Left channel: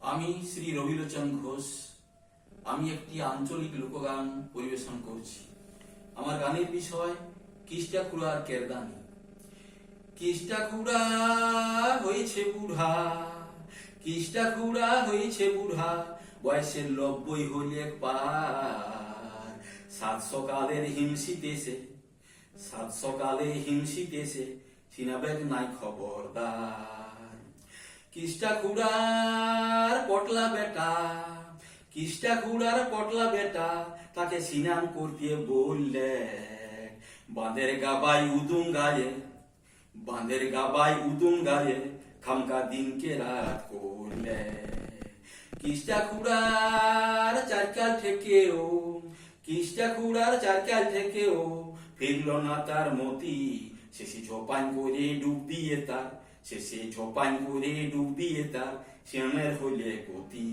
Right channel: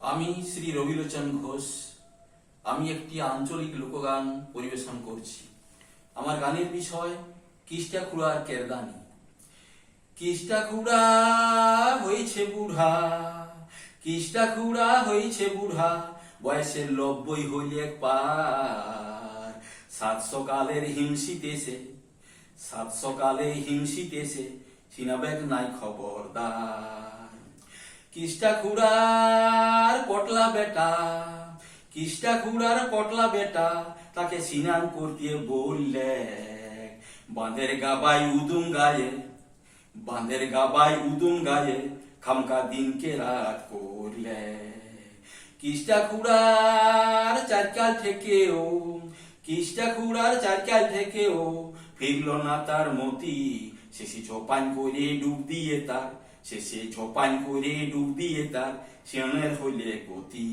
আমি শ্রী রবিলোচন ঘোষ। আমি একটি আঞ্চলিক লোকগান পরিবেশন করছি। আমার গানের বিষয় কিষ্টাখুড়ার কেরদানি। কিষ্টাখুড়া হয়েছে বুড়া, কিষ্টাখুড়া হয়েছে বুড়া, বয়সের 90 হইলে পার। সাত সকালের হিমশিতেছে, সাত সকালে হিমশিতেছে, সিনাবেগ নাই খবরদার। কিষ্টাখুড়ার পটলা বেটা, কিষ্টাখুড়ার পটলা বেটা, তাকে স্নান করতে বললে বাঁধের গাবাই উদুম গায়ে, বাঁধের গাবাই উদুম গায়ে, খামকা দিনকে রাত করলে। কিষ্টাখুড়ার চারকাল থেকেও, কিষ্টাখুড়ার চারকাল থেকেও ফিরল না তার মতি। শেষে ঝোপান করে ডুব দিয়ে তার, শেষে ঝোপান করে ডুব দিয়ে তার, সিনের হইলে গতি।